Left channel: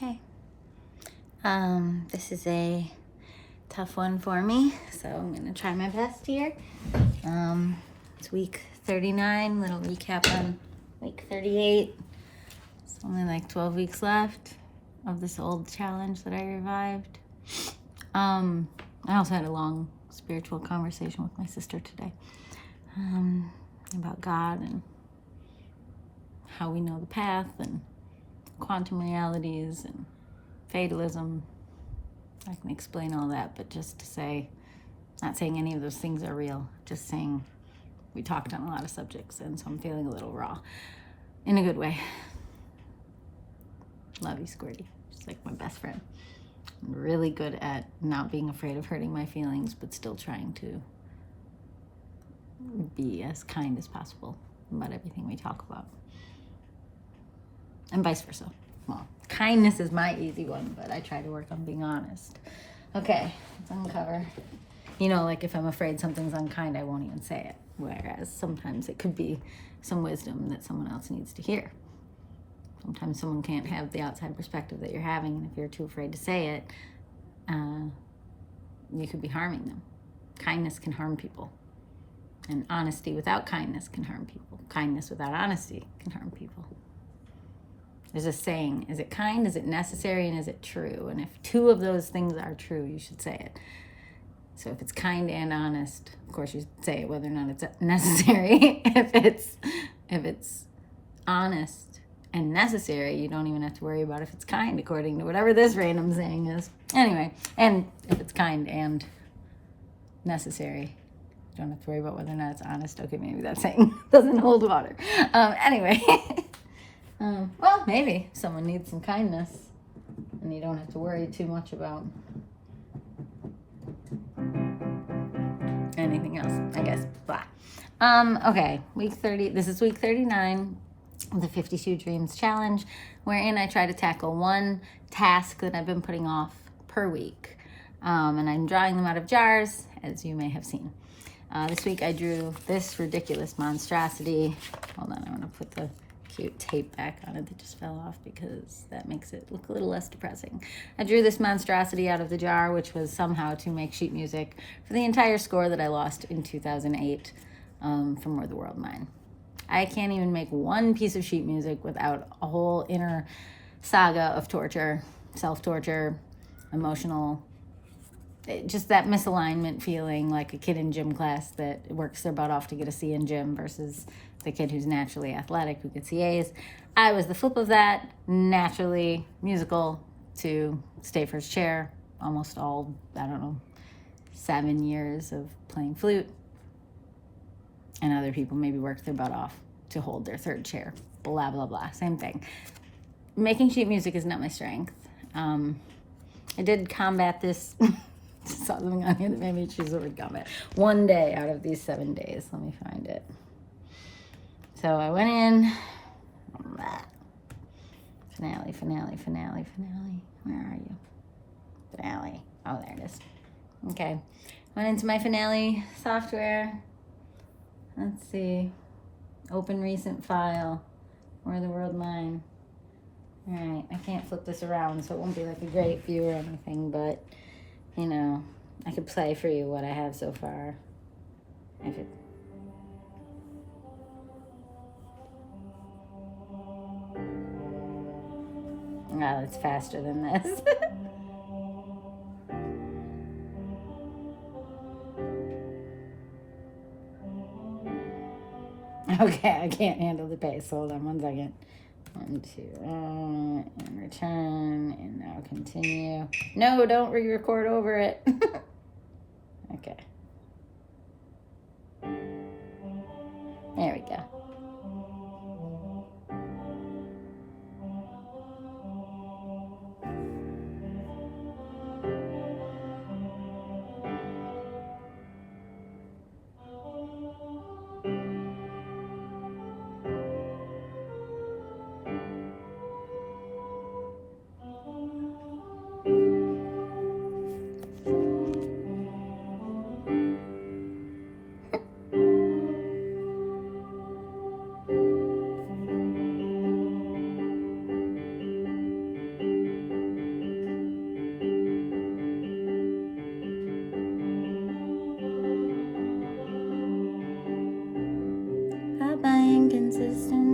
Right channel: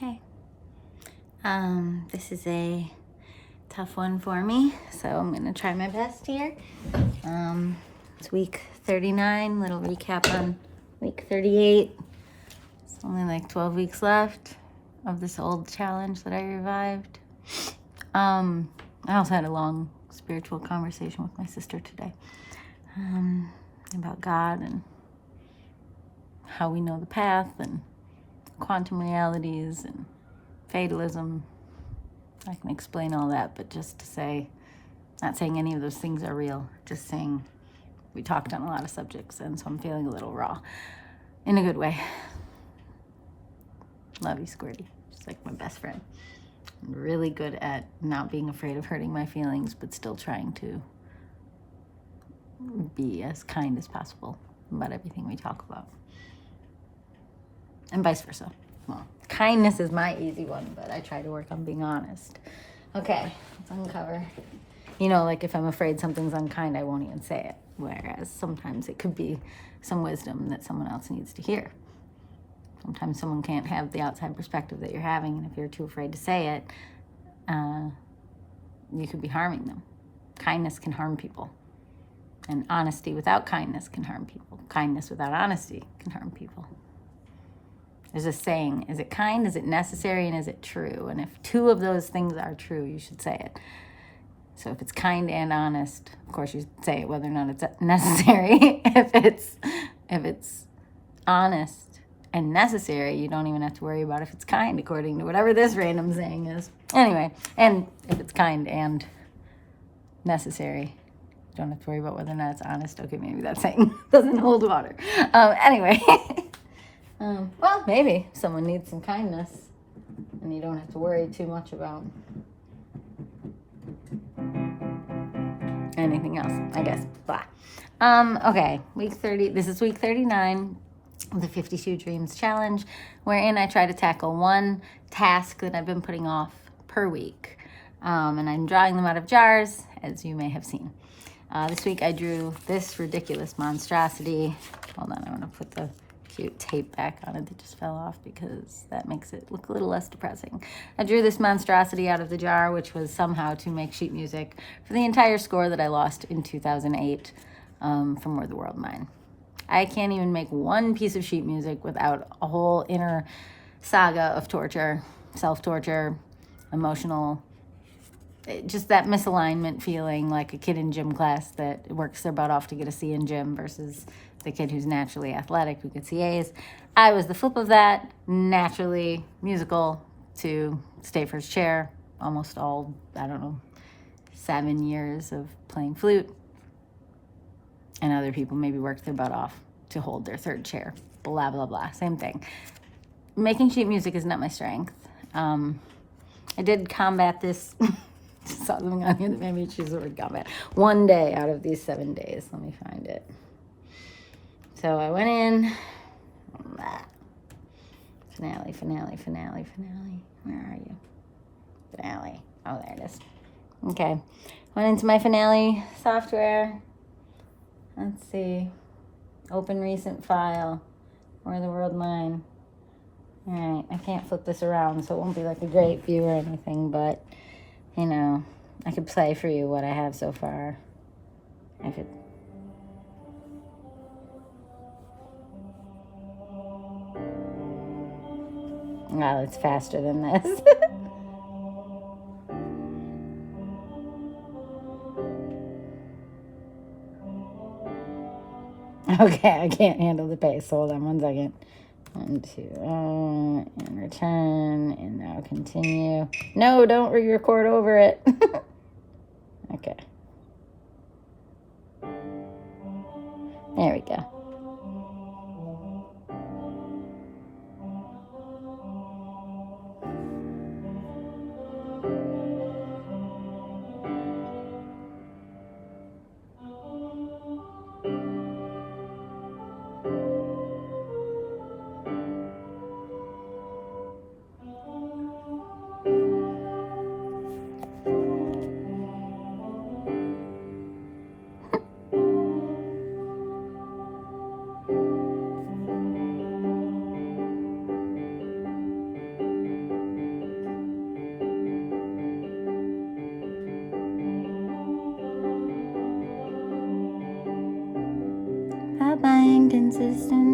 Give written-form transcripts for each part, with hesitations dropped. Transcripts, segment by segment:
Hey. This is a tough one for me, so I'm going to try my best here. It's week 39, little recap on week 38. It's only like 12 weeks left of this old challenge that I revived. I also had a long spiritual conversation with my sister today about God and how we know the path and quantum realities and fatalism. I can explain all that, but just to say, not saying any of those things are real, just saying we talked on a lot of subjects, and so I'm feeling a little raw in a good way. Love you, Squirty. She's like my best friend. I'm really good at not being afraid of hurting my feelings, but still trying to be as kind as possible about everything we talk about. And vice versa. Well, kindness is my easy one, but I try to work on being honest. Okay, let's uncover. You know, like if I'm afraid something's unkind, I won't even say it. Whereas sometimes it could be some wisdom that someone else needs to hear. Sometimes someone can't have the outside perspective that you're having, and if you're too afraid to say it, you could be harming them. Kindness can harm people. And honesty without kindness can harm people. Kindness without honesty can harm people. There's a saying, is it kind, is it necessary, and is it true? And if two of those things are true, you should say it. So if it's kind and honest, of course you say it whether or not it's necessary. If it's honest and necessary, you don't even have to worry about if it's kind, according to whatever this random saying is. Anyway, and if it's kind and necessary, you don't have to worry about whether or not it's honest. Okay, maybe that saying doesn't hold water. Anyway. Well, maybe someone needs some kindness and you don't have to worry too much about anything else, I guess. Blah. Okay, week 30. This is week 39 of the 52 Dreams Challenge, wherein I try to tackle one task that I've been putting off per week. And I'm drawing them out of jars, as you may have seen. This week I drew this ridiculous monstrosity. Hold on, I want to put the tape back on it that just fell off because that makes it look a little less depressing. I drew this monstrosity out of the jar, which was somehow to make sheet music for the entire score that I lost in 2008 from Were the World Mine. I can't even make one piece of sheet music without a whole inner saga of torture, self-torture, emotional, just that misalignment feeling like a kid in gym class that works their butt off to get a C in gym versus the kid who's naturally athletic who gets A's. I was the flip of that, naturally musical to stay first chair, almost all, 7 years of playing flute. And other people maybe worked their butt off to hold their third chair, blah, blah, blah, same thing. Making sheet music is not my strength. I did combat this, saw something on here that made me choose the word combat. One day out of these 7 days, let me find it. So I went in, finale. Where are you? Finale. Oh, there it is. Okay. Went into my finale software. Let's see. Open recent file. Where the World Mine. All right. I can't flip this around, so it won't be like a great view or anything, but, I could play for you what I have so far. Wow, it's faster than this. Okay, I can't handle the pace. Hold on 1 second. 1, 2, and return, and now continue. No, don't re-record over it. Okay. There we go.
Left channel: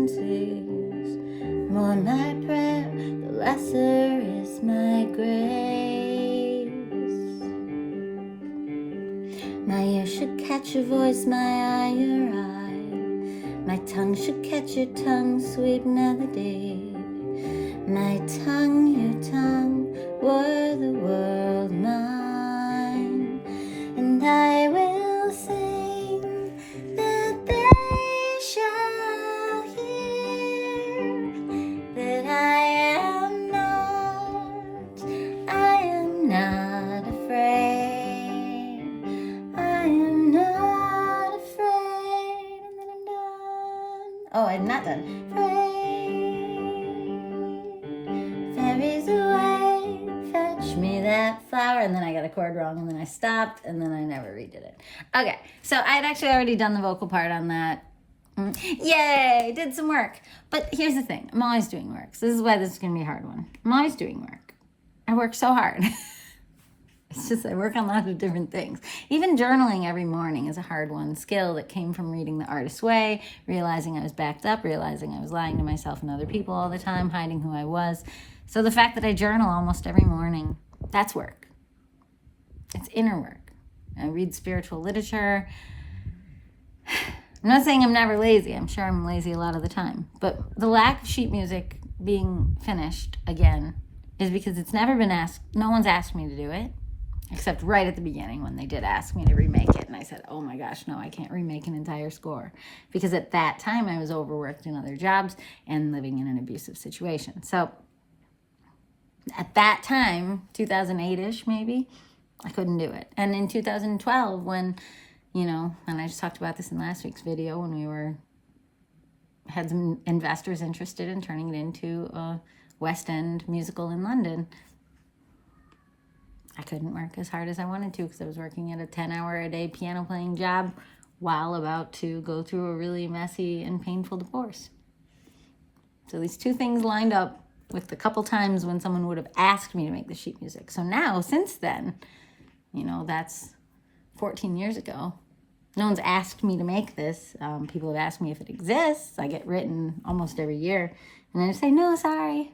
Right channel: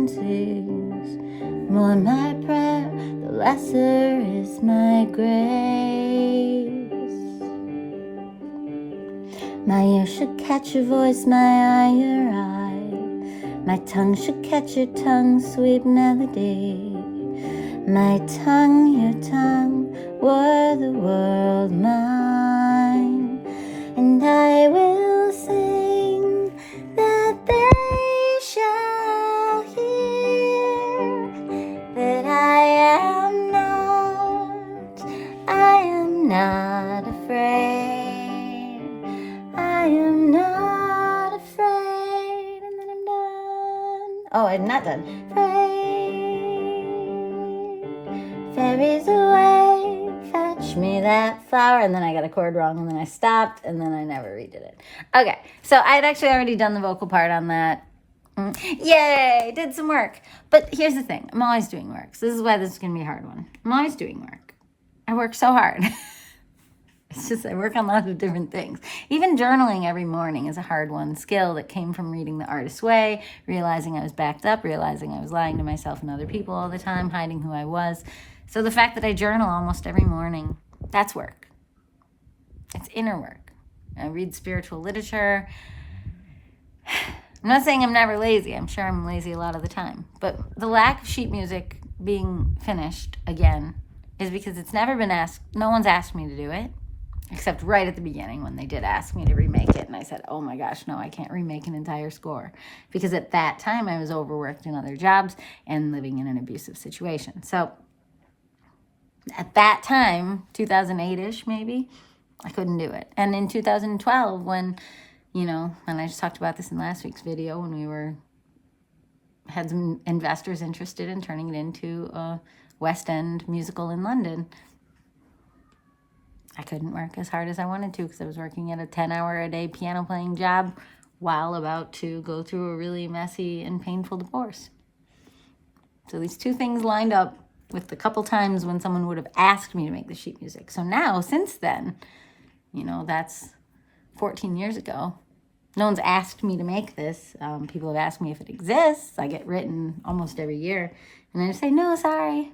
differences. More my prayer, the lesser is my grace. My ear should catch your voice, my eye your eye. My tongue should catch your tongue, sweet melody. My tongue, your tongue, were the world mine. And I will sing that they shall hear that I am not afraid. I am not afraid. And then I'm done. Oh, I'm not done. There is a way, fetch me that flower. And then I got a chord wrong, and then I stopped, and then I never redid it. Okay, so I'd actually already done the vocal part on that. Yay, did some work. But here's the thing, I'm always doing work. So this is why this is going to be a hard one. I'm always doing work. I work so hard. It's just I work on lots of different things. Even journaling every morning is a hard one. Skill that came from reading The Artist's Way, realizing I was backed up, realizing I was lying to myself and other people all the time, hiding who I was. So the fact that I journal almost every morning, that's work. It's inner work. I read spiritual literature. I'm not saying I'm never lazy. I'm sure I'm lazy a lot of the time. But the lack of sheet music being finished again is because it's never been asked. No one's asked me to do it, except right at the beginning when they did ask me to remake it. And I said, oh my gosh, no, I can't remake an entire score. Because at that time I was overworked in other jobs and living in an abusive situation. So at that time, 2008-ish maybe, I couldn't do it. And in 2012, when I just talked about this in last week's video, when we had some investors interested in turning it into a West End musical in London, I couldn't work as hard as I wanted to because I was working at a 10-hour-a-day piano playing job while about to go through a really messy and painful divorce. So these two things lined up with the couple times when someone would have asked me to make the sheet music. So now, since then, that's 14 years ago. No one's asked me to make this. People have asked me if it exists. I get written almost every year. And I say, no, sorry.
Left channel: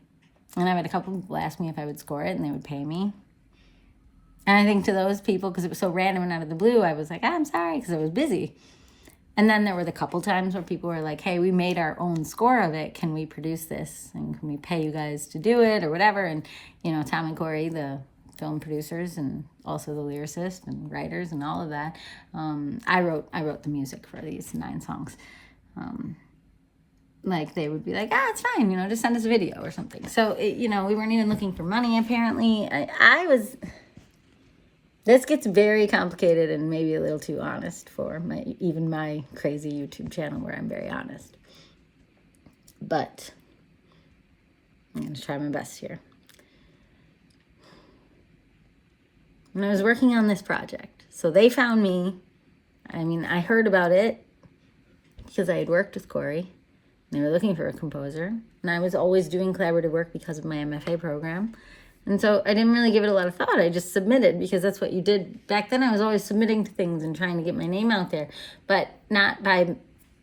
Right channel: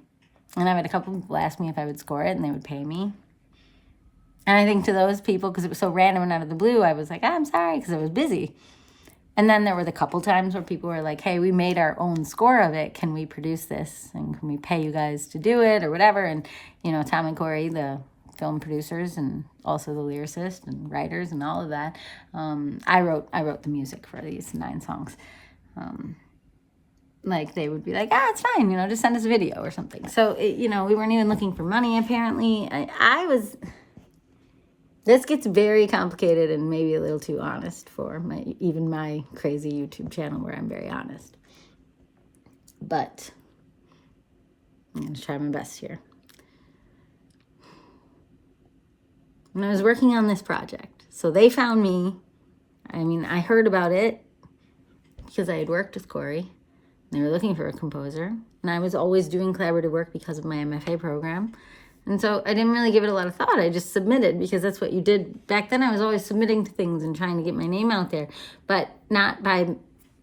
And I've had a couple people ask me if I would score it, and they would pay me. And I think to those people, because it was so random and out of the blue, I was like, I'm sorry, because I was busy. And then there were the couple times where people were like, hey, we made our own score of it. Can we produce this? And can we pay you guys to do it or whatever? And, Tom and Corey, the film producers and also the lyricist and writers and all of that, I wrote the music for these 9 songs. They would be like, it's fine, just send us a video or something. So, we weren't even looking for money, apparently. This gets very complicated and maybe a little too honest for my crazy YouTube channel where I'm very honest. But I'm going to try my best here. When I was working on this project, so they found me. I heard about it because I had worked with Corey. They were looking for a composer. And I was always doing collaborative work because of my MFA program. And so I didn't really give it a lot of thought. I just submitted because that's what you did. Back then I was always submitting to things and trying to get my name out there, but not by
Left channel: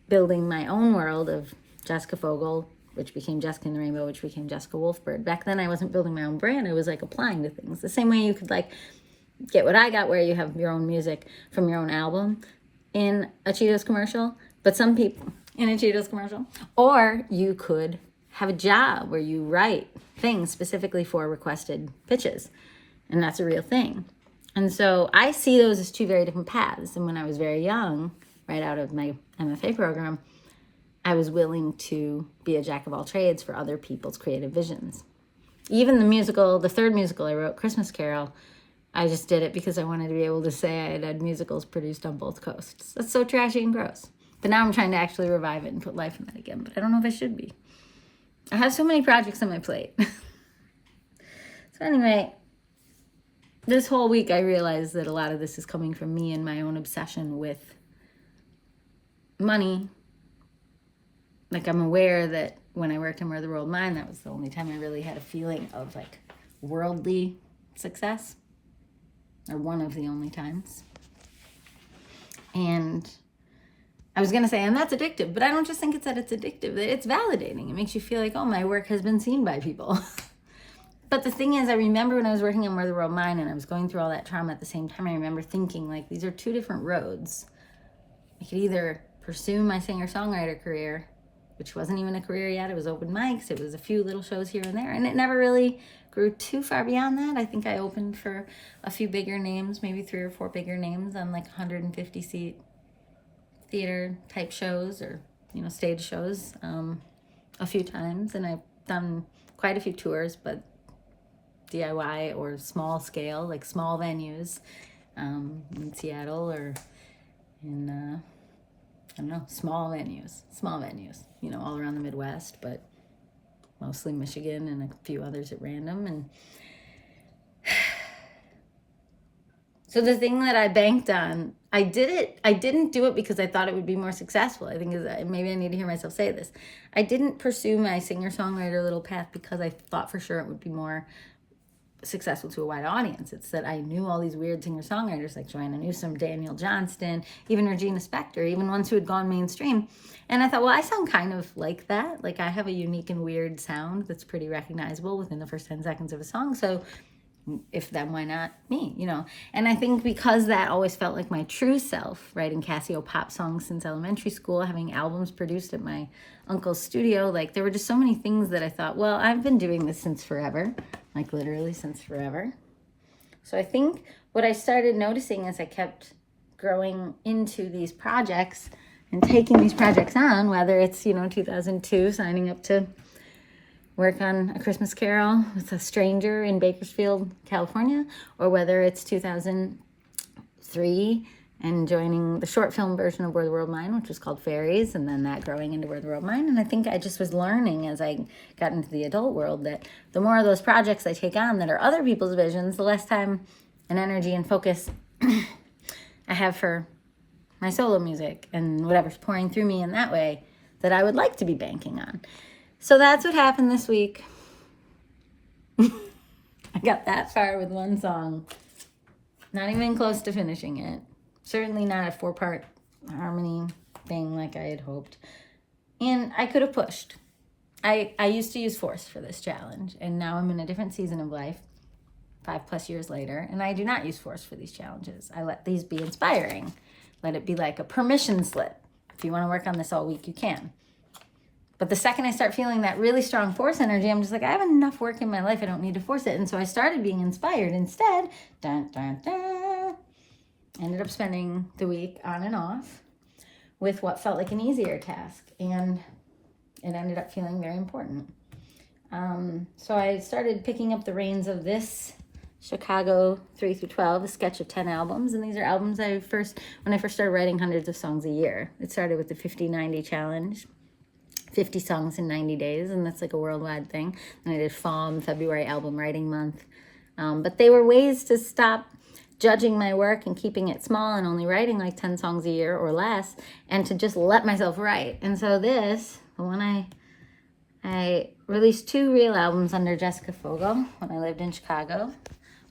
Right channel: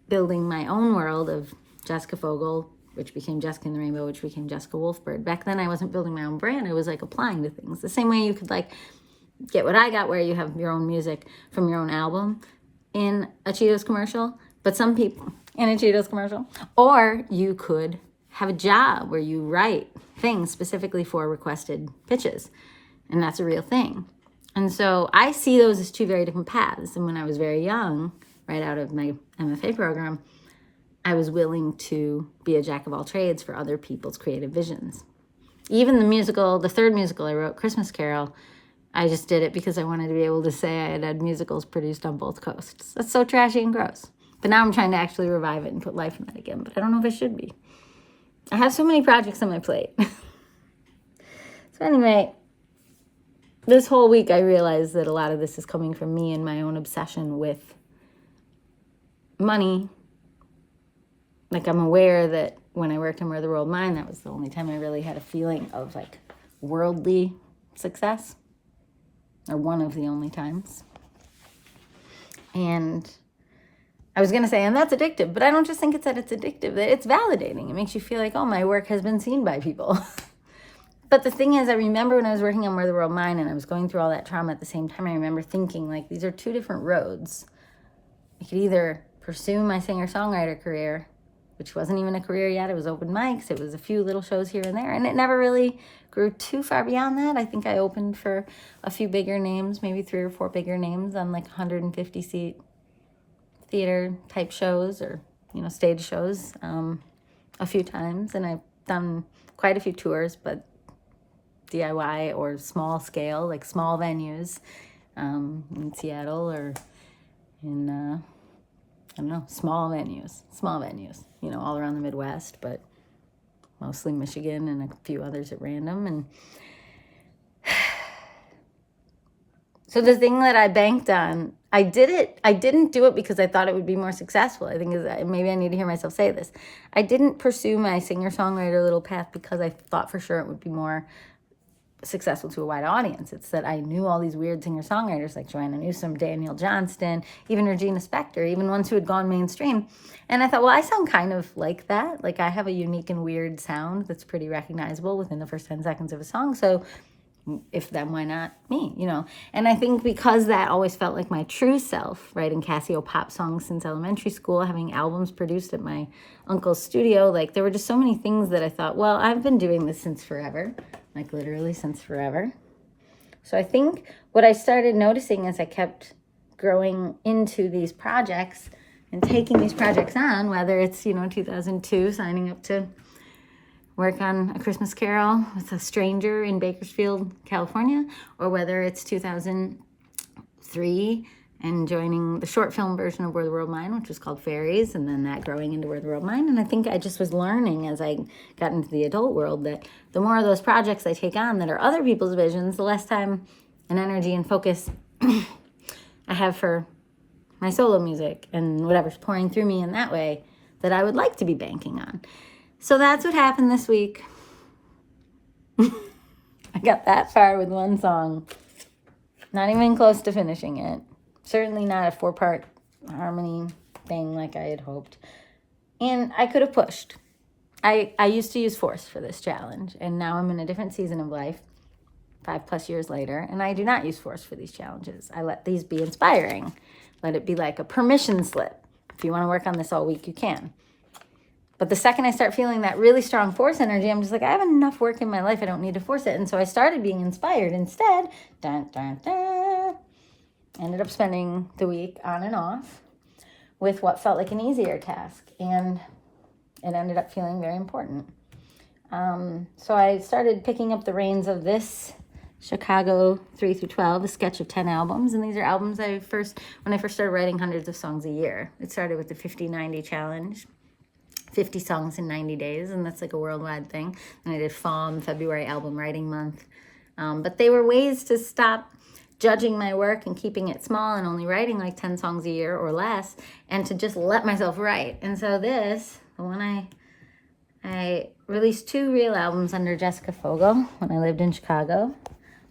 building my own world of Jessica Fogel, which became Jessica and the Rainbow, which became Jessica Wolfbird. Back then I wasn't building my own brand. I was applying to things. The same way you could get what I got, where you have your own music from your own album in a Cheetos commercial, but some people in a Cheetos commercial, or you could have a job where you write things specifically for requested pitches. And that's a real thing. And so I see those as two very different paths. And when I was very young, right out of my MFA program, I was willing to be a jack of all trades for other people's creative visions. Even the third musical I wrote, Christmas Carol, I just did it because I wanted to be able to say I had had musicals produced on both coasts. That's so trashy and gross. But now I'm trying to actually revive it and put life in that again. But I don't know if I should be. I have so many projects on my plate. So anyway, this whole week I realized that a lot of this is coming from me and my own obsession with money. I'm aware that when I worked in Where the World Mine, that was the only time I really had a feeling of worldly success. Or one of the only times. And I was going to say, and that's addictive, but I don't just think it's that it's addictive. It's validating. It makes you feel like, oh, my work has been seen by people. But the thing is, I remember when I was working on Where the World Mine and I was going through all that trauma at the same time, I remember thinking, like, these are two different roads. I could either pursue my singer-songwriter career, which wasn't even a career yet. It was open mics. It was a few little shows here and there. And it never really grew too far beyond that. I think I opened for a few bigger names, maybe 3 or 4 bigger names on like 150-seat theater type shows or, stage shows a few times. And I've done quite a few tours, but DIY or small scale, like small venues in Seattle or in, small venues, all around the Midwest, but mostly Michigan and a few others at random. And so the thing that I banked on, I didn't do it because I thought it would be more successful. I think maybe I need to hear myself say this. I didn't pursue my singer-songwriter little path because I thought for sure it would be more successful to a wide audience. It's that I knew all these weird singer-songwriters like Joanna Newsom, Daniel Johnston, even Regina Spektor, even ones who had gone mainstream. And I thought, well, I sound kind of like that. Like I have a unique and weird sound that's pretty recognizable within the first 10 seconds of a song. So if then, why not me, And I think because that always felt like my true self, writing Casio pop songs since elementary school, having albums produced at my uncle's studio, like there were just so many things that I thought, well, I've been doing this since forever, like literally since forever. So I think what I started noticing as I kept growing into these projects and taking these projects on, whether it's, 2002, signing up to work on A Christmas Carol with a stranger in Bakersfield, California, or whether it's 2003 and joining the short film version of Where the World Mine, which was called Fairies, and then that growing into Where the World Mine. And I think I just was learning as I got into the adult world that the more of those projects I take on that are other people's visions, the less time and energy and focus I have for my solo music and whatever's pouring through me in that way that I would like to be banking on. So that's what happened this week. I got that far with one song. Not even close to finishing it. Certainly not a 4-part harmony thing like I had hoped. And I could have pushed. I used to use force for this challenge, and now I'm in a different season of life, 5+ years later, and I do not use force for these challenges. I let these be inspiring. Let it be like a permission slip. If you want to work on this all week, you can. But the second I start feeling that really strong force energy, I'm just like, I have enough work in my life. I don't need to force it. And so I started being inspired instead. Dun, dun, dun. Ended up spending the week on and off with what felt like an easier task. And it ended up feeling very important. So I started picking up the reins of this Chicago 3 through 12, a sketch of 10 albums. And these are albums when I first started writing hundreds of songs a year. It started with the 50-90 challenge. 50 songs in 90 days, and that's like a worldwide thing. And I did FALM, February Album Writing Month. But they were ways to stop judging my work and keeping it small and only writing like 10 songs a year or less, and to just let myself write. And so the one I released 2 real albums under Jessica Fogel when I lived in Chicago.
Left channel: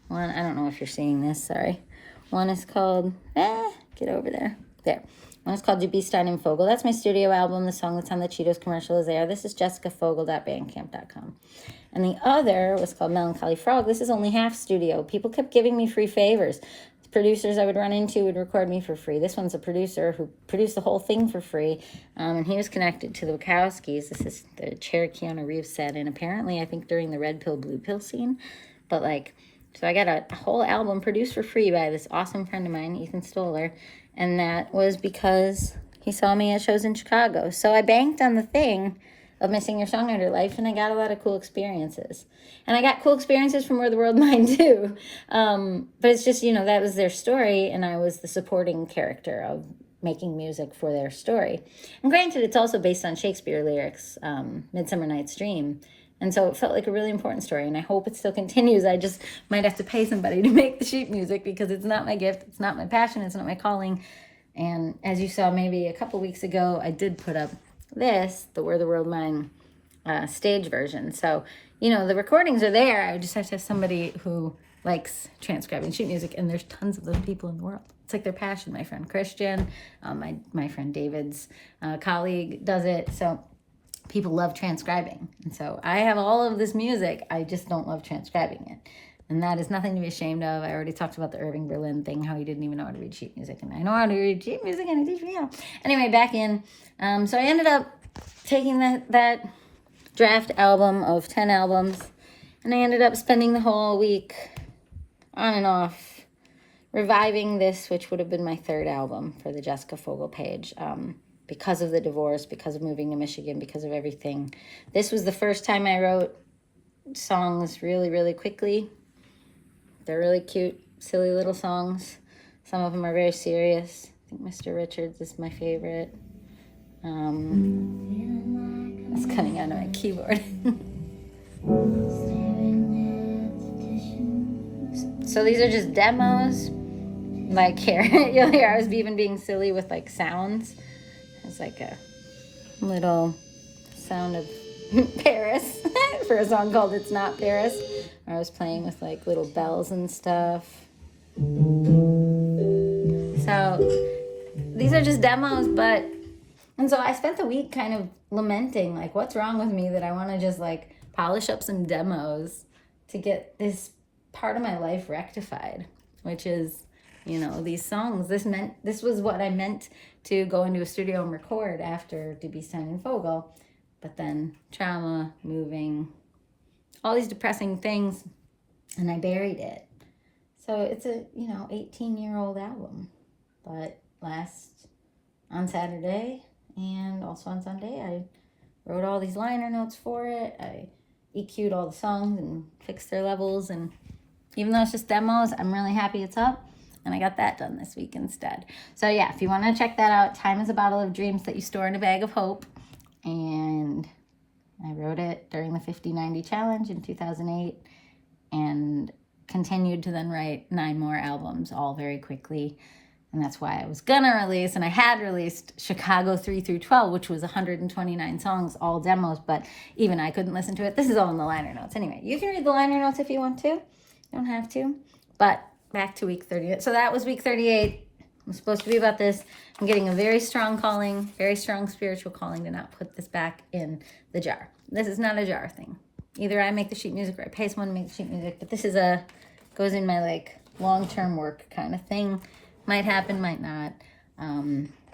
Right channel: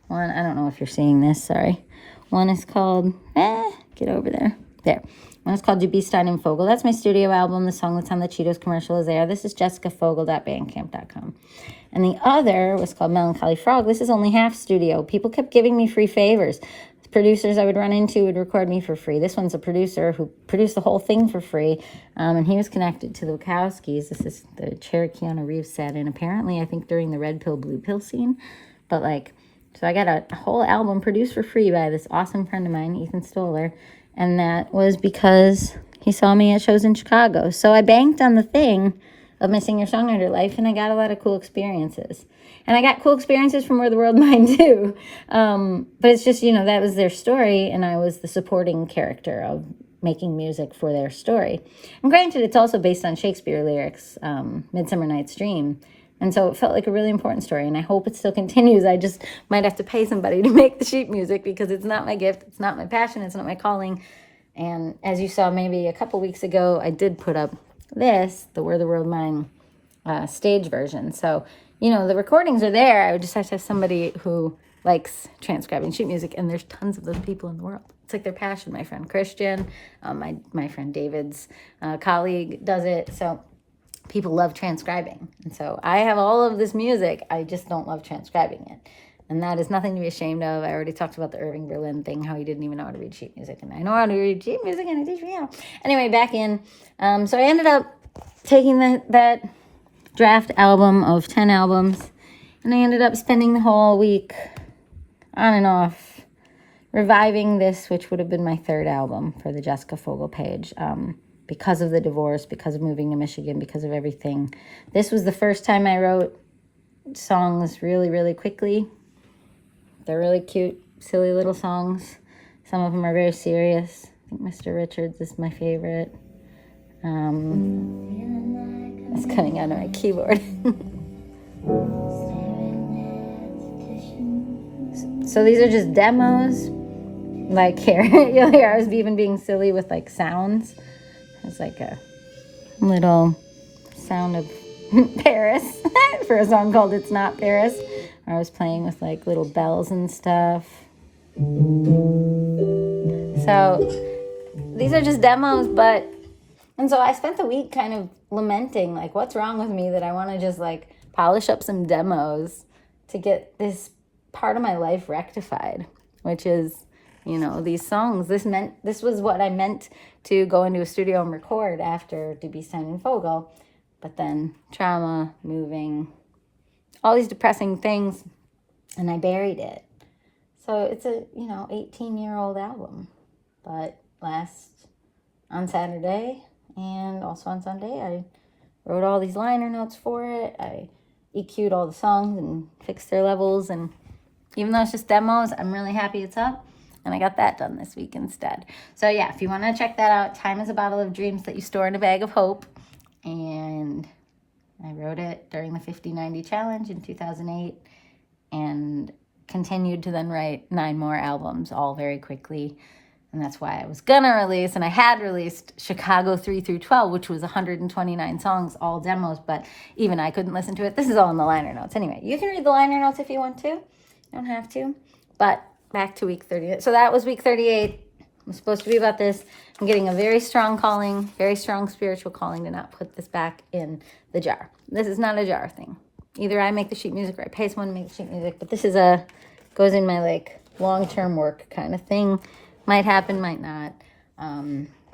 One, I don't know if you're seeing this, sorry. One is called, get over there. There. One is called Du Stein and Fogel. That's my studio album. The song that's on the Cheetos commercial is there. This is jessicafogel.bandcamp.com. And the other was called Melancholy Frog. This is only half studio. People kept giving me free favors. The producers I would run into would record me for free. This one's a producer who produced the whole thing for free. And he was connected to the Wachowskis. This is the chair Keanu Reeves sat in, apparently, I think, during the Red Pill, Blue Pill scene. But, so I got a whole album produced for free by this awesome friend of mine, Ethan Stoller. And that was because he saw me at shows in Chicago. So I banked on the thing of missing your songwriter life, and I got a lot of cool experiences. And I got cool experiences from Where the World Mine too. But it's just, that was their story, and I was the supporting character of making music for their story. And granted, it's also based on Shakespeare lyrics, Midsummer Night's Dream. And so it felt like a really important story, and I hope it still continues. I just might have to pay somebody to make the sheet music because it's not my gift, it's not my passion, it's not my calling. And as you saw maybe a couple weeks ago, I did put up the Where the World Mine stage version. So, the recordings are there. I would just have to have somebody who likes transcribing sheet music, and there's tons of those people in the world. it's like their passion. My friend Christian, my friend David's colleague does it. So people love transcribing. And so I have all of this music. I just don't love transcribing it. And that is nothing to be ashamed of. I already talked about the Irving Berlin thing, how he didn't even know how to read sheet music. And I know how to read sheet music, and he teach me how. Anyway, back in. So I ended up taking that draft album of 10 albums, and I ended up spending the whole week on and off reviving this, which would have been my third album for the Jessica Fogel page. Because of the divorce, because of moving to Michigan, because of everything. This was the first time I wrote songs really, really quickly. They're really cute, silly little songs. Some of them are very serious. I think Mr. Richards is my favorite. It's coming out of my keyboard. So these are just demos. Like here, you'll hear I was even being silly with like sounds. It's like a little sound of Paris for a song called It's Not Paris. I was playing with like little bells and stuff. So these are just demos, and so I spent the week kind of lamenting, like, what's wrong with me that I want to just like polish up some demos to get this part of my life rectified, which is, these songs. This was what I meant to go into a studio and record after Dubistein and Fogel, but then trauma, moving, all these depressing things, and I buried it. So it's a 18-year-old album, but on Saturday and also on Sunday I wrote all these liner notes for it. I EQ'd all the songs and fixed their levels, and even though it's just demos, I'm really happy it's up. And I got that done this week instead. So yeah, if you want to check that out, Time is a Bottle of Dreams That You Store in a Bag of Hope. And I wrote it during the 50-90 challenge in 2008 and continued to then write 9 more albums, all very quickly. And that's why I was gonna release, and I had released Chicago 3 through 12, which was 129 songs, all demos, but even I couldn't listen to it. This is all in the liner notes. Anyway, you can read the liner notes if you want to. You don't have to. But back to week 38. So that was week 38. I'm supposed to be about this. I'm getting a very strong calling, very strong spiritual calling to not put this back in the jar. This is not a jar thing. Either I make the sheet music or I pay someone to make the sheet music, but this is goes in my like long-term work kind of thing. Might happen, might not.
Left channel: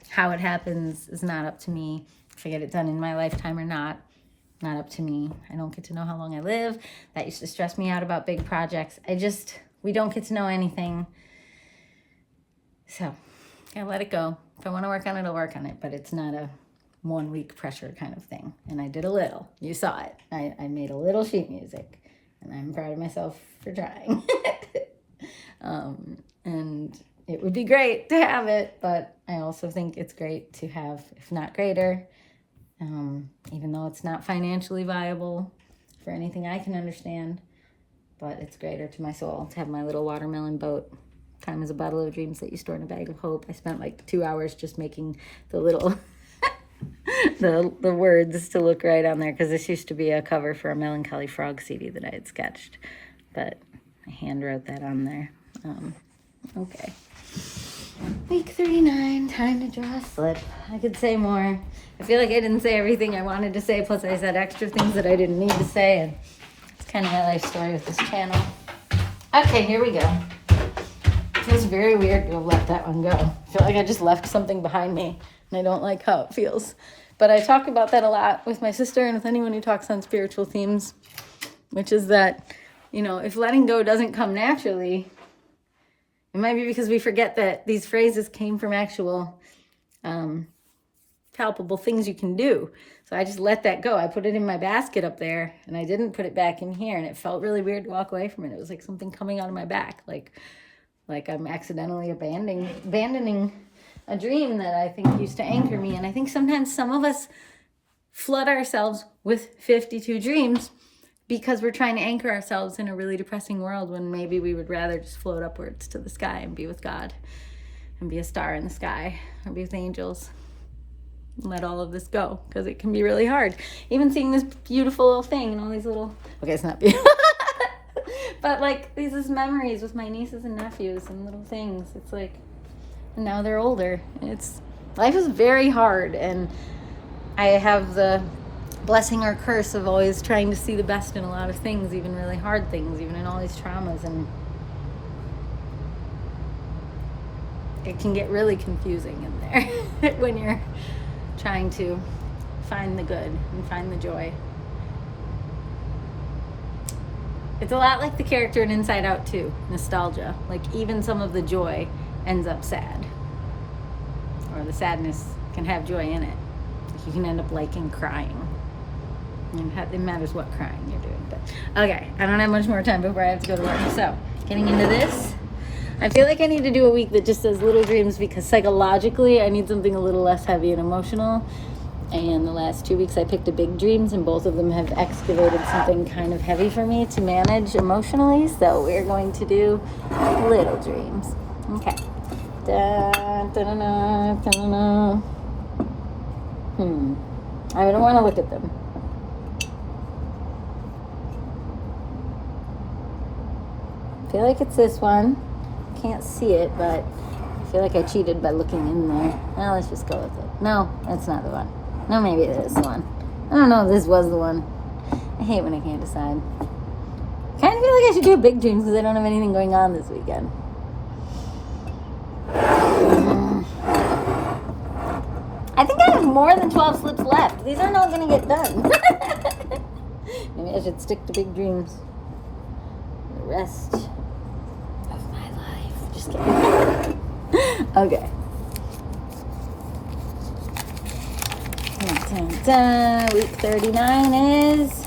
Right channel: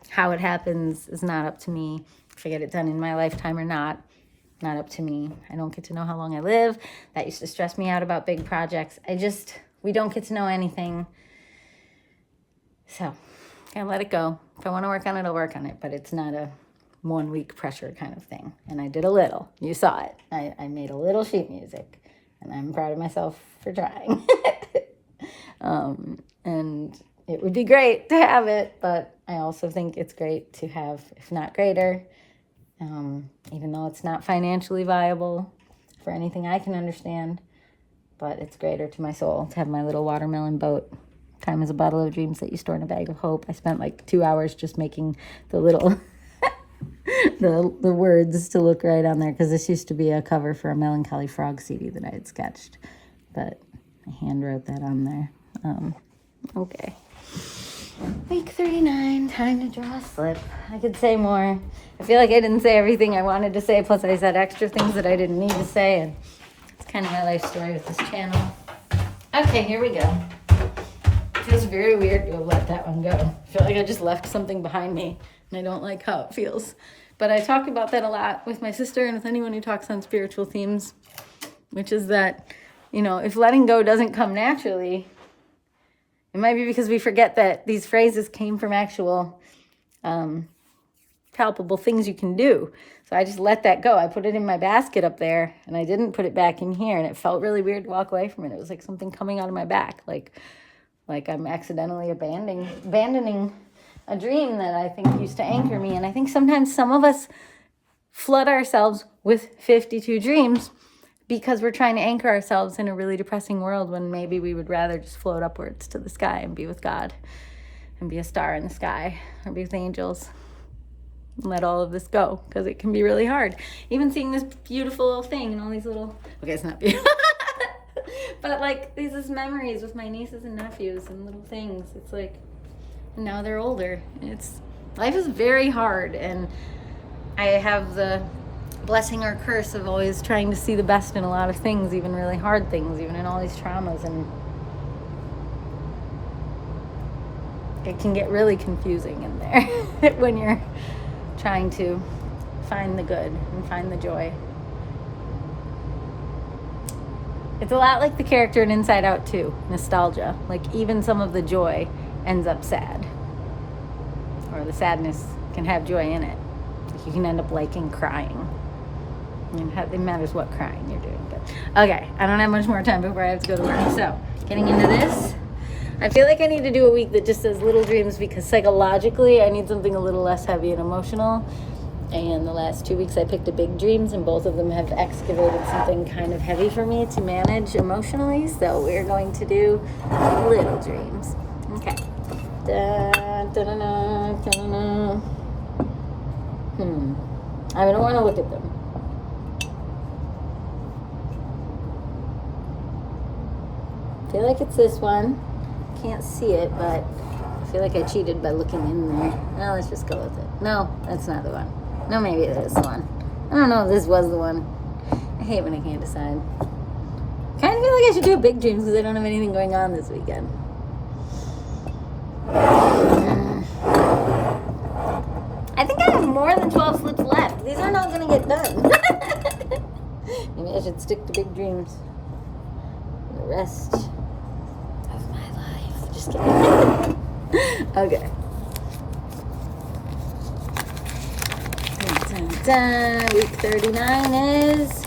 How it happens is not up to me. If I get it done in my lifetime or not up to me. I don't get to know how long I live. That used to stress me out about big projects. We don't get to know anything. So, I let it go. If I want to work on it, I'll work on it. But it's not a 1 week pressure kind of thing. And I did a little. You saw it. I made a little sheet music. And I'm proud of myself for trying. And it would be great to have it. But I also think it's great to have, if not greater, even though it's not financially viable for anything I can understand. But it's greater to my soul to have my little watermelon boat. Time is a bottle of dreams that you store in a bag of hope. I spent like 2 hours just making the little, the words to look right on there. Because this used to be a cover for a Melancholy Frog CD that I had sketched. But I hand wrote that on there. Okay. Week 39, time to draw a slip. I could say more. I feel like I didn't say everything I wanted to say. Plus I said extra things that I didn't need to say. And kind of my life story with this channel. Okay, here we go. It feels very weird to have let that one go. I feel like I just left something behind me, and I don't like how it feels. But I talk about that a lot with my sister and with anyone who talks on spiritual themes, which is that, if letting go doesn't come naturally, it might be because we forget that these phrases came from actual palpable things you can do. So I just let that go. I put it in my basket up there, and I didn't put it back in here, and it felt really weird to walk away from it. It was like something coming out of my back, like I'm accidentally abandoning a dream that I think used to anchor me. And I think sometimes some of us flood ourselves with 52 dreams because we're trying to anchor ourselves in a really depressing world when maybe we would rather just float upwards to the sky and be with God and be a star in the sky or be with angels. Let all of this go, because it can be really hard. Even seeing this beautiful little thing and all these little, okay, it's not beautiful, but like these memories with my nieces and nephews and little things. It's like, And now they're older. Life is very hard, and I have the blessing or curse of always trying to see the best in a lot of things, even really hard things, even in all these traumas, and it can get really confusing in there when you're trying to find the good and find the joy. It's a lot like the character in Inside Out 2, nostalgia. Like, even some of the joy ends up sad. Or the sadness can have joy in it. Like, you can end up liking crying. It matters what crying you're doing. But okay, I don't have much more time before I have to go to work. So, getting into this, I feel like I need to do a week that just says little dreams, because psychologically I need something a little less heavy and emotional. And the last 2 weeks I picked a big dreams, and both of them have excavated something kind of heavy for me to manage emotionally. So we're going to do little dreams. Okay. I don't want to look at them. I feel like it's this one. Can't see it, but I feel like I cheated by looking in there. Now let's just go with it. No, that's not the one. No, maybe it is the one. I don't know if this was the one. I hate when I can't decide. Kind of feel like I should do big dreams because I don't have anything going on this weekend. I think I have more than 12 slips left. These are not going to get done. Maybe I should stick to big dreams for the rest of my life. Just kidding. Okay. Dun, dun, dun. Week 39 is...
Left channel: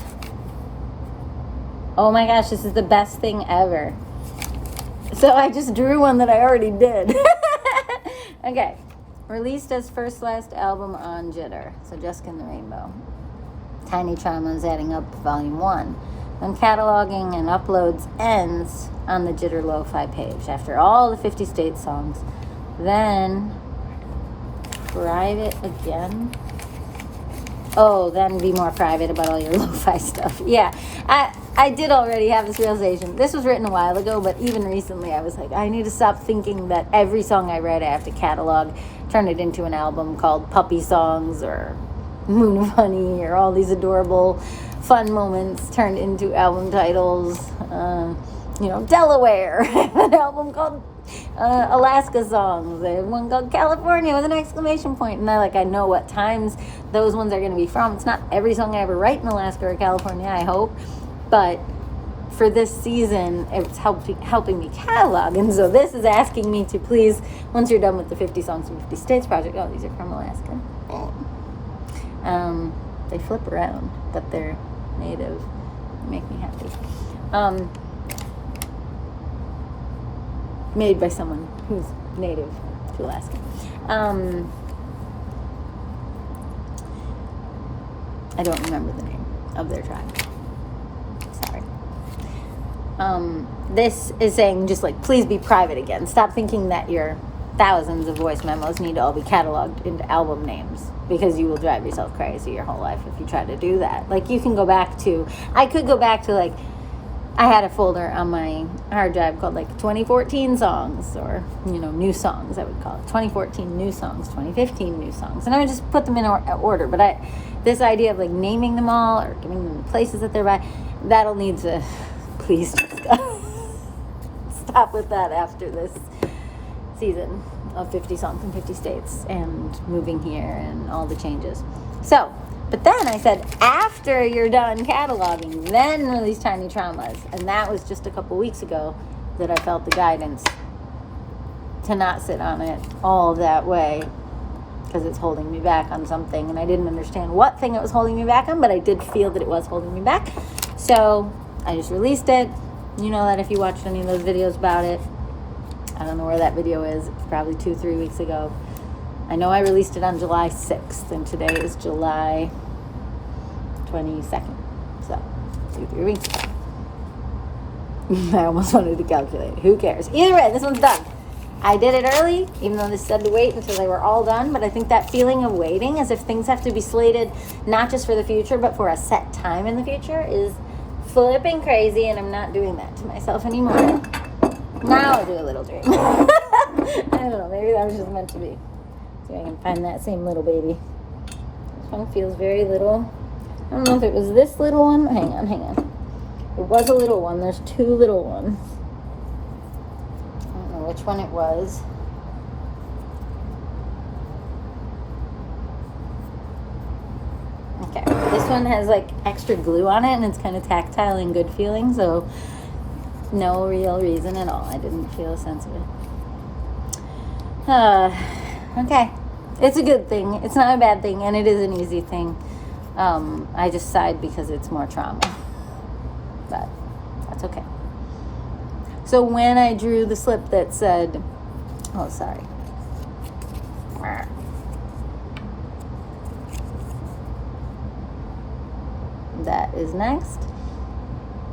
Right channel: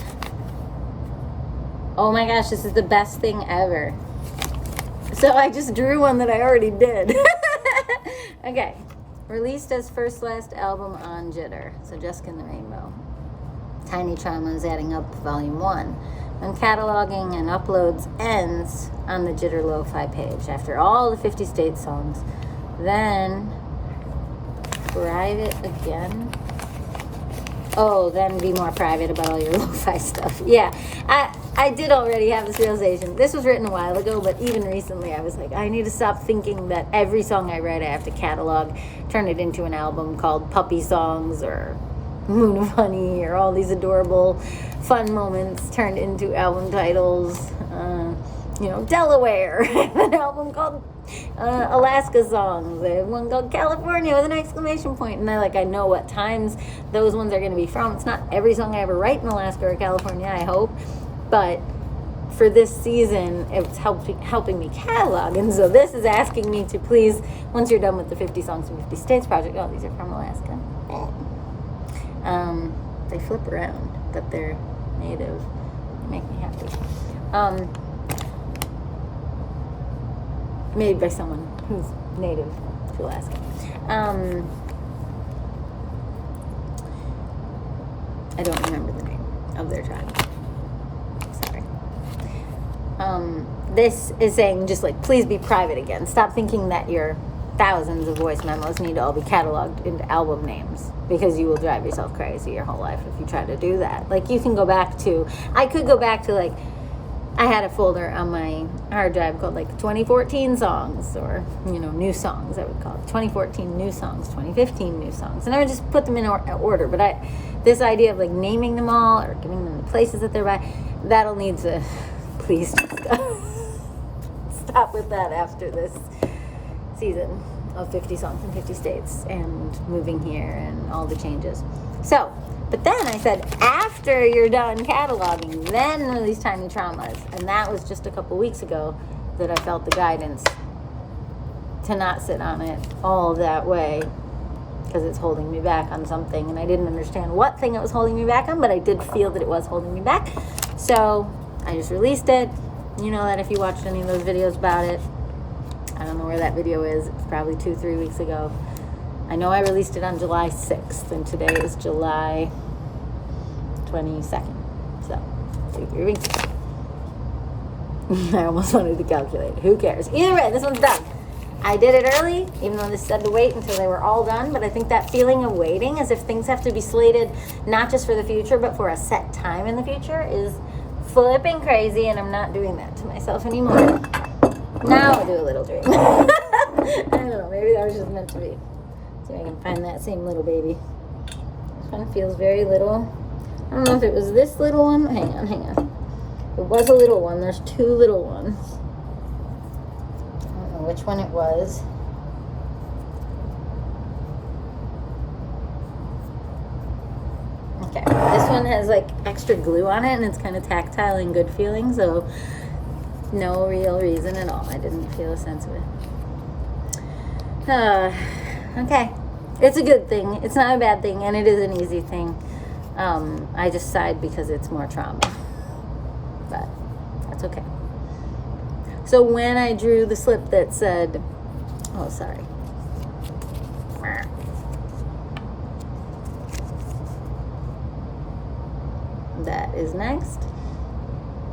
Oh my gosh, this is the best thing ever. So I just drew one that I already did. Okay. Released as first last album on Jitter. So Jessica and the Rainbow. Tiny Traumas Adding Up, Volume 1. When cataloging and uploads ends on the Jitter Lo-Fi page after all the 50 State songs. Then private again. Oh, then be more private about all your lo-fi stuff. Yeah, I did already have this realization. This was written a while ago, but even recently I was like, I need to stop thinking that every song I write I have to catalog, turn it into an album called Puppy Songs or Moon of Honey, or all these adorable fun moments turned into album titles. Delaware, an album called Alaska Songs. They have one called California with an exclamation point. And I know what times those ones are going to be from. It's not every song I ever write in Alaska or California, I hope. But for this season, it's helping me catalog. And so this is asking me to please, once you're done with the 50 Songs from 50 States project, oh, these are from Alaska. They flip around, but they're native. They make me happy. Made by someone who's native to Alaska. I don't remember the name of their tribe. Sorry. This is saying just please be private again. Stop thinking that your thousands of voice memos need to all be cataloged into album names, because you will drive yourself crazy your whole life if you try to do that. You can go back to, I could go back to I had a folder on my hard drive called 2014 songs, or new songs I would call it. 2014 new songs, 2015 new songs, and I would just put them in order. But this idea of naming them all or giving them the places that they're by, that'll need to please stop with that after this season of 50 songs in 50 states and moving here and all the changes. So, but then I said, after you're done cataloging, then release Tiny Traumas. And that was just a couple weeks ago that I felt the guidance to not sit on it all that way, because it's holding me back on something. And I didn't understand what thing it was holding me back on, but I did feel that it was holding me back. So I just released it. You know that if you watched any of those videos about it. I don't know where that video is. It's probably 2-3 weeks ago. I know I released it on July 6th, and today is July 22nd. So, 2-3 weeks ago. I almost wanted to calculate. Who cares? Either way, this one's done. I did it early, even though this said to wait until they were all done. But I think that feeling of waiting, as if things have to be slated not just for the future, but for a set time in the future, is flipping crazy, and I'm not doing that to myself anymore. Now I'll do a little dream. I don't know, maybe that was just meant to be. See if I can find that same little baby. This one feels very little. I don't know if it was this little one. Hang on. It was a little one. There's two little ones. I don't know which one it was. Okay, this one has like extra glue on it and it's kind of tactile and good feeling, so no real reason at all. I didn't feel a sense of it. Okay, it's a good thing. It's not a bad thing, and it is an easy thing. I just sighed because it's more trauma, but that's okay. So when I drew the slip that said, oh, sorry. That is next.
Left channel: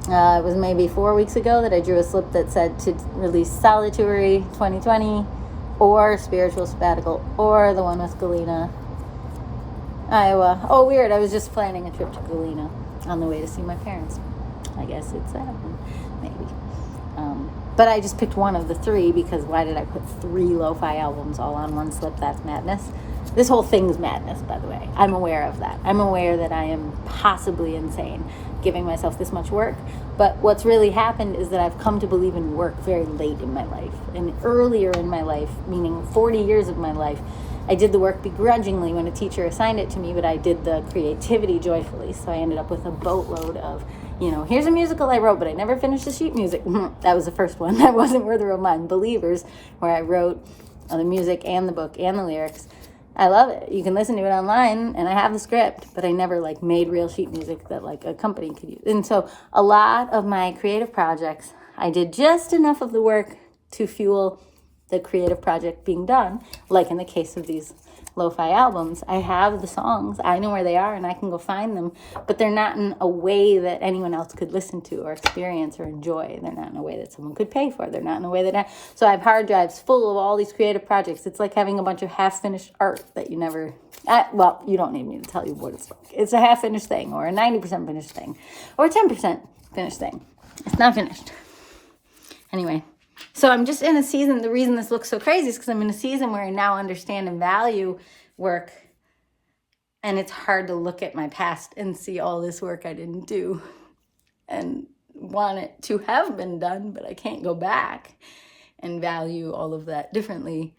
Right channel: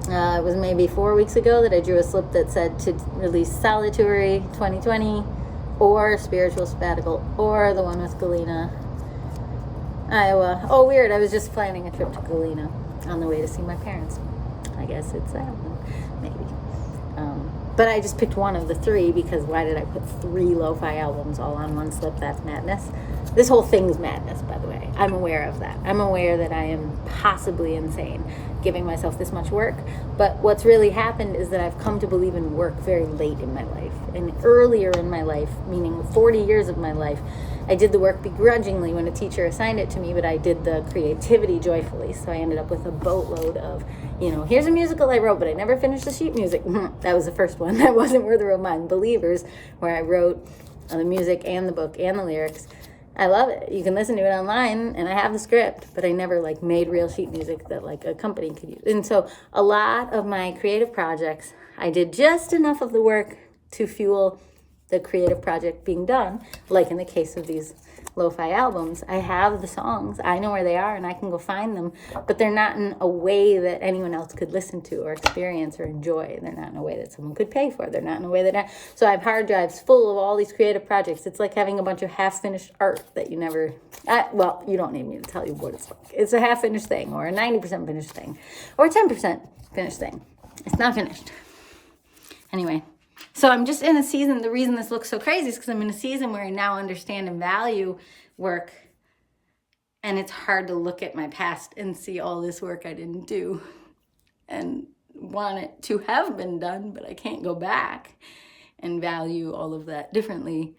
It was maybe 4 weeks ago that I drew a slip that said to release Solituary 2020 or Spiritual Sabbatical or the one with Galena, Iowa. Oh, weird. I was just planning a trip to Galena on the way to see my parents. I guess it's that one, maybe. But I just picked one of the three because why did I put 3 lo-fi albums all on one slip? That's madness. This whole thing's madness, by the way. I'm aware of that. I'm aware that I am possibly insane giving myself this much work. But what's really happened is that I've come to believe in work very late in my life. And earlier in my life, meaning 40 years of my life, I did the work begrudgingly when a teacher assigned it to me, but I did the creativity joyfully. So I ended up with a boatload of, here's a musical I wrote, but I never finished the sheet music. That was the first one. That wasn't worth of mine. Believers, where I wrote the music and the book and the lyrics. I love it. You can listen to it online, and I have the script, but I never made real sheet music that a company could use. And so a lot of my creative projects, I did just enough of the work to fuel the creative project being done. Like in the case of these lo-fi albums, I have the songs, I know where they are, and I can go find them, but they're not in a way that anyone else could listen to or experience or enjoy. They're not in a way that someone could pay for. They're not in a way that so I have hard drives full of all these creative projects. It's like having a bunch of half-finished art that you never, you don't need me to tell you what it's like. It's a half-finished thing, or a 90% finished thing, or a 10% finished thing. It's not finished. Anyway, so I'm just in a season, the reason this looks so crazy is because I'm in a season where I now understand and value work. And it's hard to look at my past and see all this work I didn't do and want it to have been done, but I can't go back and value all of that differently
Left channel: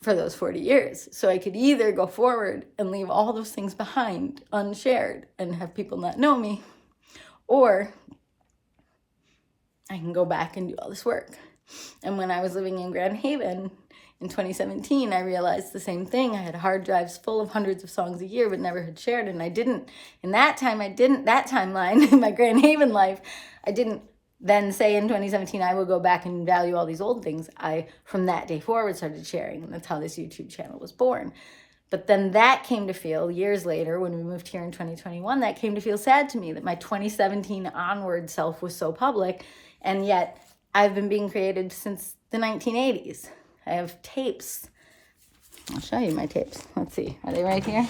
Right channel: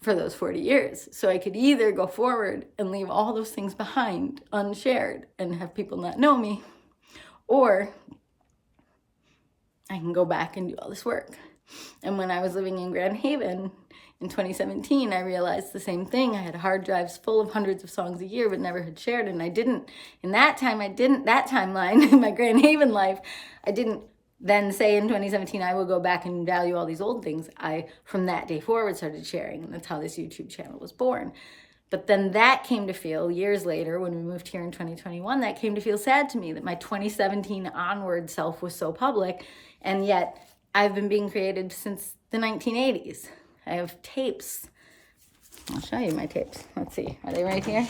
for those 40 years. So I could either go forward and leave all those things behind unshared and have people not know me, or I can go back and do all this work. And when I was living in Grand Haven in 2017, I realized the same thing. I had hard drives full of hundreds of songs a year, but never had shared. And I didn't, that timeline in my Grand Haven life, I didn't then say in 2017, I will go back and value all these old things. I, from that day forward, started sharing. And that's how this YouTube channel was born. But then that came to feel, years later, when we moved here in 2021, that came to feel sad to me that my 2017 onward self was so public. And yet I've been being created since the 1980s. I have tapes. I'll show you my tapes. Let's see. Are they right here?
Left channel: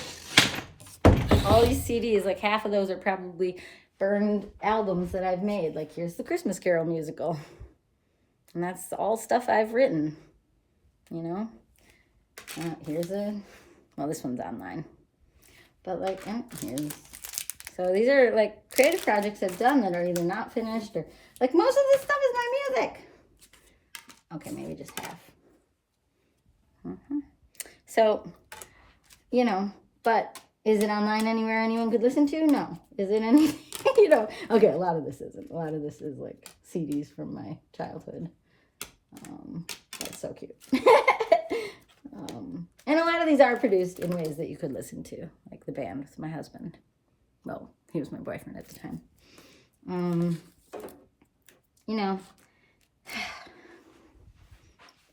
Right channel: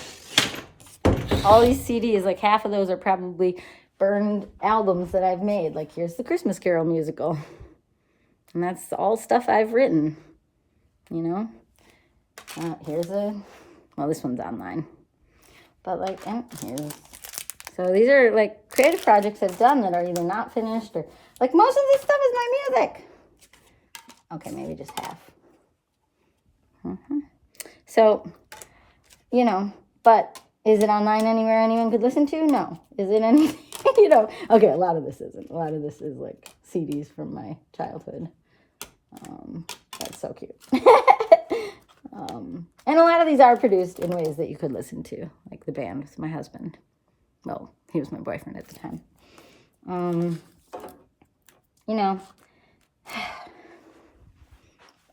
All these CDs, half of those are probably burned albums that I've made. Here's the Christmas Carol musical. And that's all stuff I've written. Here's this one's online. But here's. So these are creative projects I've done that are either not finished or most of this stuff is my music. Okay, maybe just half. So, but is it online anywhere anyone could listen to? No. Is it any, okay, a lot of this isn't. A lot of this is CDs from my childhood. That's so cute. And a lot of these are produced in ways that you could listen to, like the band with my husband. Well, he was my boyfriend at the time.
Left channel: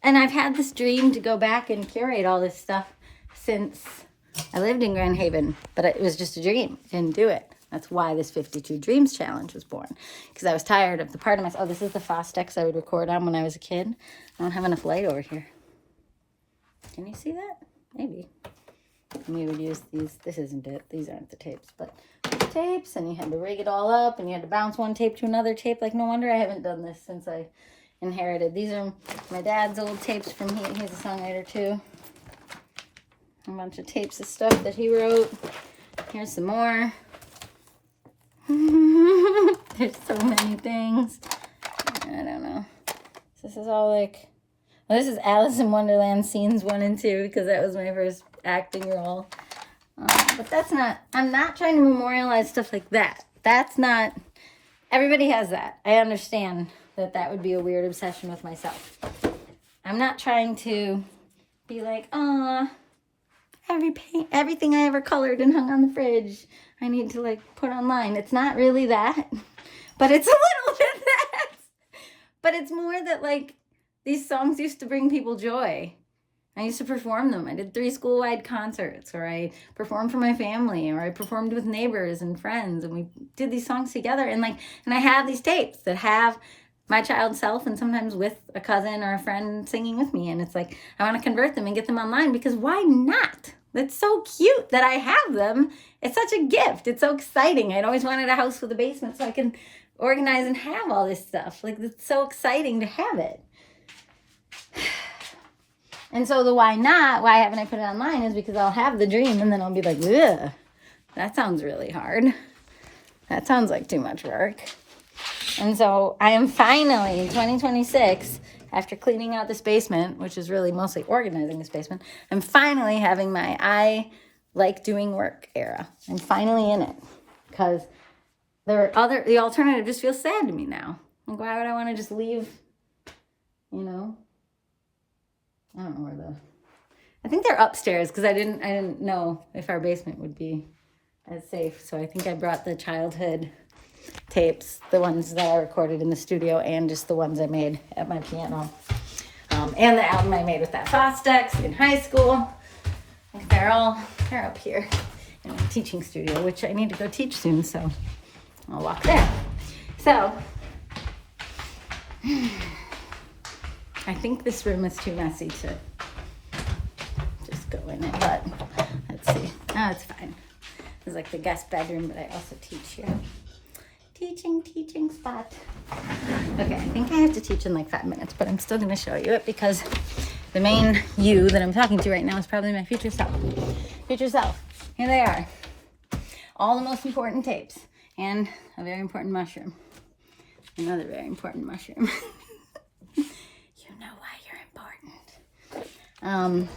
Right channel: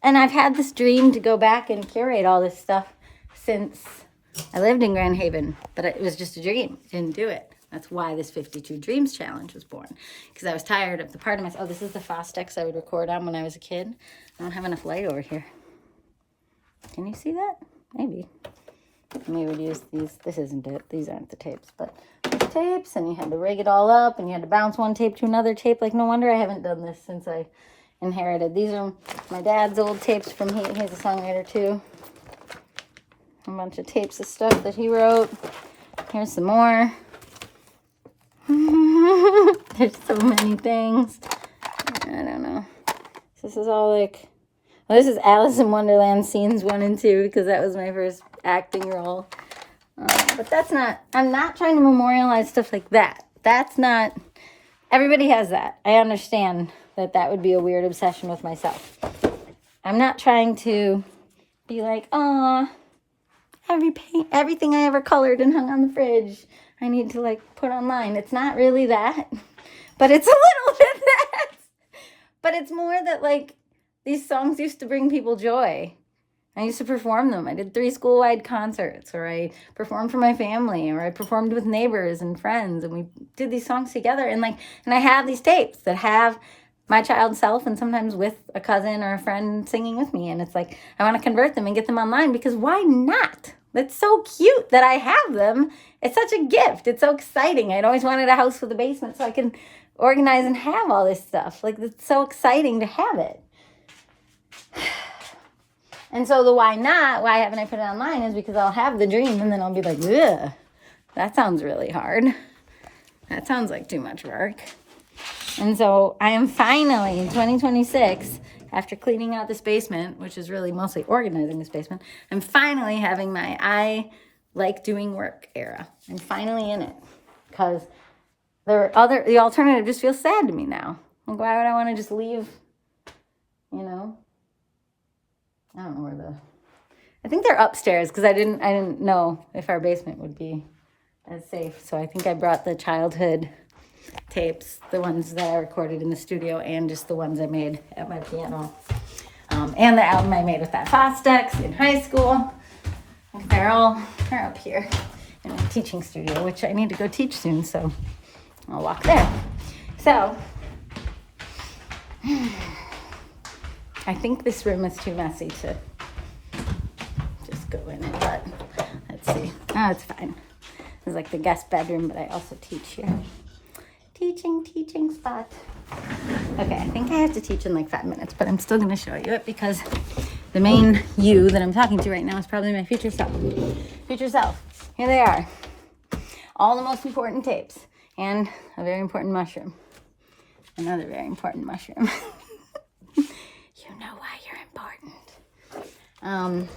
And I've had this dream to go back and curate all this stuff since I lived in Grand Haven, but it was just a dream. I didn't do it. That's why this 52 Dreams Challenge was born, because I was tired of the part of myself. Oh, this is the Fostex I would record on when I was a kid. I don't have enough light over here. Can you see that? Maybe. We would use these. This isn't it. These aren't the tapes, but the tapes, and you had to rig it all up, and you had to bounce one tape to another tape. No wonder I haven't done this since I inherited. These are my dad's old tapes from he's a songwriter too. A bunch of tapes of stuff that he wrote. Here's some more. There's so many things. I don't know. This is all like, well, this is Alice in Wonderland scenes 1 and 2 because that was my first acting role. But that's not, I'm not trying to memorialize stuff like that. That's not, everybody has that. I understand that that would be a weird obsession with myself. I'm not trying to be like, oh, everything I ever colored and hung on the fridge, I need to like put online. It's not really that, but it's a little bit that. But it's more that like these songs used to bring people joy. I used to perform them. I did 3 school-wide concerts, or I performed for my family, or I performed with neighbors and friends, and we did these songs together. And I have these tapes that have my child self and sometimes with a cousin or a friend singing with me. And it's like, I want to convert them and get them online because why not? That's so cute that I have them. It's such a gift. It's so exciting. I'd always wanted a house with a basement so I can organize and have all this stuff. Like, it's so exciting to have it. And so the why not, why haven't I put it online is because I'll have the dream and then I'll be like, ugh, that sounds really hard. That sounds like too much work. And so I am finally, 2026, after cleaning out this basement, which is really mostly organizing this basement, I'm finally having my I like doing work era. I'm finally in it because the alternative just feels sad to me now. Like, why would I want to just leave, you know? I don't know where I think they're upstairs because I didn't know if our basement would be as safe. So I think I brought the childhood tapes, the ones that I recorded in the studio and just the ones I made at my piano. And the album I made with that Fostex in high school. They're up here in my teaching studio, which I need to go teach soon, so I'll walk there. So I think this room is too messy to just go in it, but let's see. Oh, it's fine. It's like the guest bedroom, but I also teach here. Teaching spot. Okay, I think I have to teach in like 5 minutes, but I'm still going to show you it because the main you that I'm talking to right now is probably my future self. Future self. Here they are. All the most important tapes and a very important mushroom. Another very important mushroom. You know why you're important.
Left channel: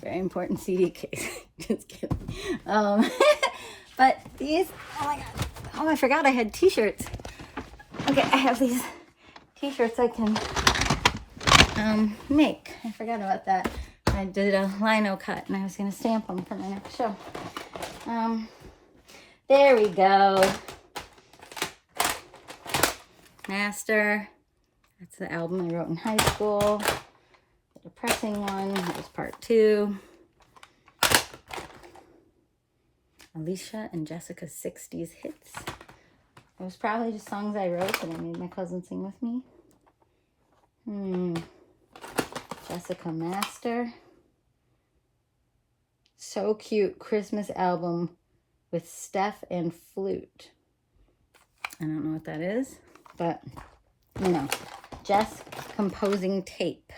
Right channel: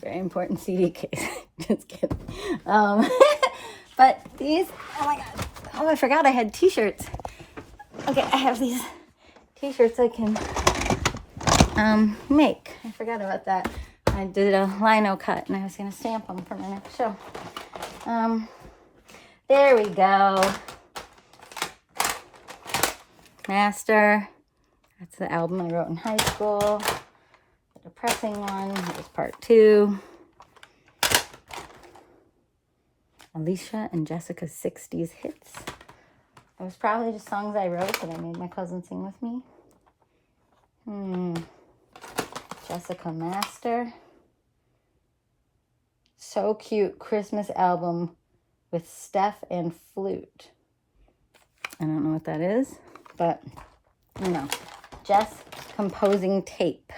Very important CD case. Just kidding. But these, oh my God. Oh, I forgot I had t-shirts. Okay, I have these t-shirts I can make. I forgot about that. I did a lino cut and I was going to stamp them for my next show. There we go. Master. That's the album I wrote in high school. The depressing one. That was part 2. Alicia and Jessica's 60s hits. It was probably just songs I wrote that I made my cousin sing with me. Jessica Master. So cute. Christmas album with Steph and flute. I don't know what that is, but you know, Jess composing tape.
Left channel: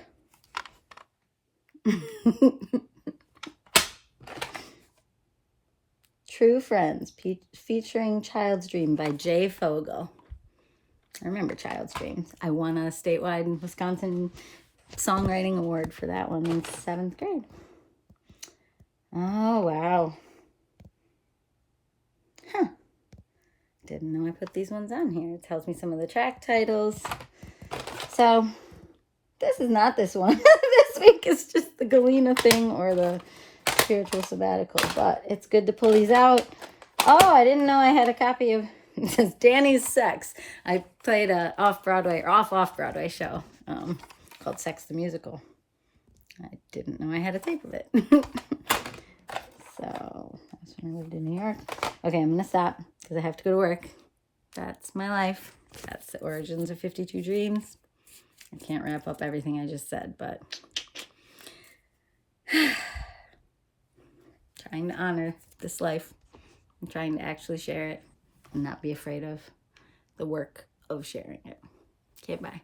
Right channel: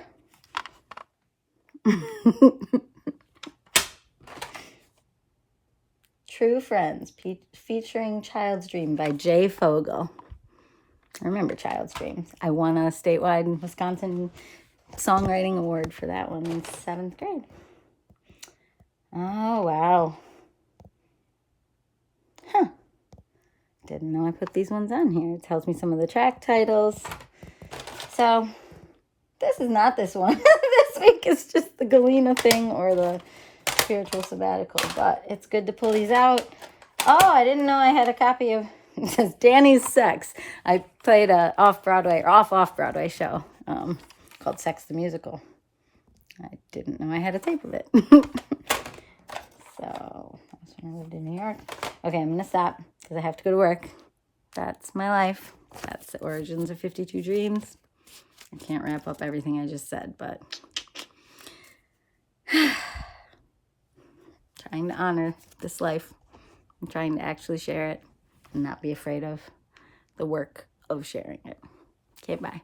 True Friends, featuring Child's Dream by Jay Fogel. I remember Child's Dreams. I won a statewide Wisconsin songwriting award for that one in 7th grade. Oh, wow. Huh. Didn't know I put these ones on here. It tells me some of the track titles. So, this is not this one. This week is just the Galena thing or the spiritual sabbatical, but it's good to pull these out. Oh, I didn't know I had a copy of, it says Danny's Sex. I played a off-Broadway show called Sex the Musical. I didn't know I had a tape of it. So, that's when I lived in New York. Okay, I'm going to stop because I have to go to work. That's my life. That's the origins of 52 Dreams. I can't wrap up everything I just said, but trying to honor this life. I'm trying to actually share it and not be afraid of the work of sharing it. Okay, bye.